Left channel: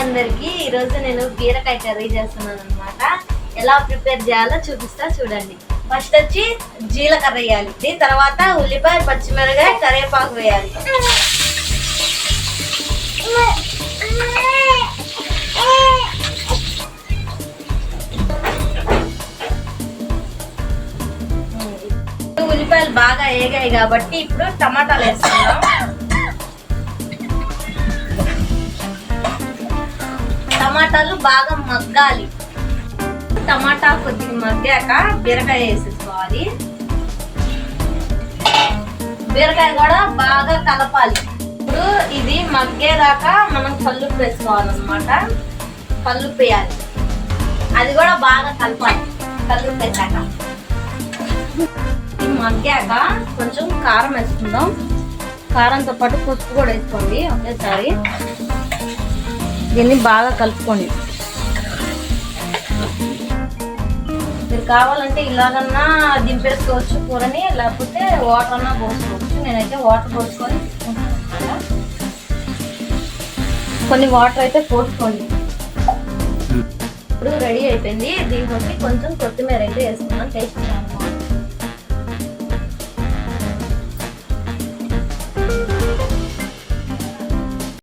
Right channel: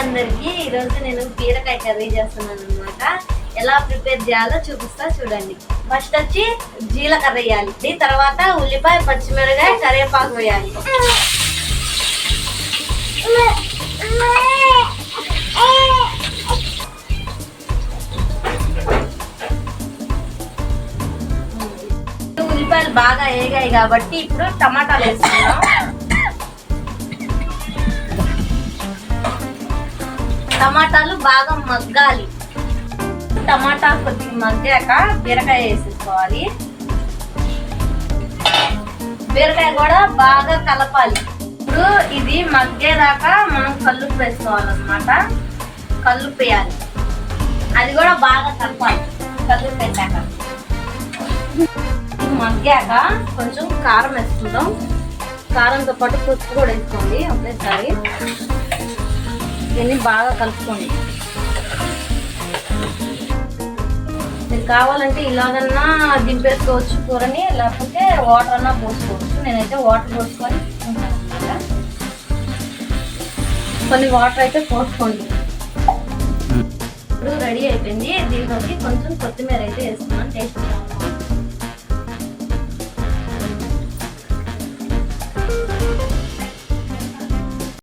అందరికి ఈరోజు నేను బీరకాయ కర్రీ చేస్తున్నాను అనమాట. ఎలా ప్రిపేర్ చేయాలో చూపిస్తా చూడండి. ఫస్ట్ వచ్చి జీలకర్ర వేయాలి, తర్వాత ఉల్లిపాయ, పచ్చిమిరపకాయ, కరివేపాకు వేయాలి. ఉల్లిపాయలు బాగా వేగాయి కాబట్టి ఇప్పుడు టమాటాలు వేసుకుందాం. టమాటాలు బాగా మగ్గాలి. టమాటా కొద్దిగా మగ్గాక బీరకాయ వేసేసుకోవాలి. బీరకాయ కూడా బాగా కలపాలి. ఇప్పుడు ఇది మగ్గేదాకా మనం కల్లుప్పు వేసుకోవాలన్నమాట. కల్లుప్పు వేయాలి, అది కూడా బాగా కలపాలి. కల్లుప్పు వేసాక మగ్గాక కొంచెం కారం వేసుకుందాం. కారంతో పాటు పసుపు కూడా వేసుకోండి ఒకేసారి. దీన్ని బాగా కలుపుకోండి. మీరు కావాలంటే ఇలాగన్నా దింపేసుకోవచ్చు కూరని, లేకపోతే వాటర్ అన్నా పోసుకోవచ్చు. నేనైతే వాటర్ పోసుకొని తీసుకుంటాను అన్నమాట. కొన్ని వాటర్ అయితే పోసుకోండి. ఇప్పుడు రెడీ అయిపోయింది. దీంట్లో కొంచెం కొత్తిమీర అయితే వేసుకున్నాను టేస్ట్.